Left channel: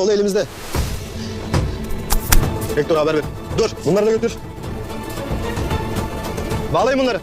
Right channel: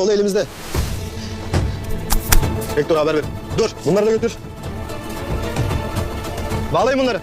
oğlu elimizde. Hector haber ver. Dur bunları da götür. Bağlayın bunları.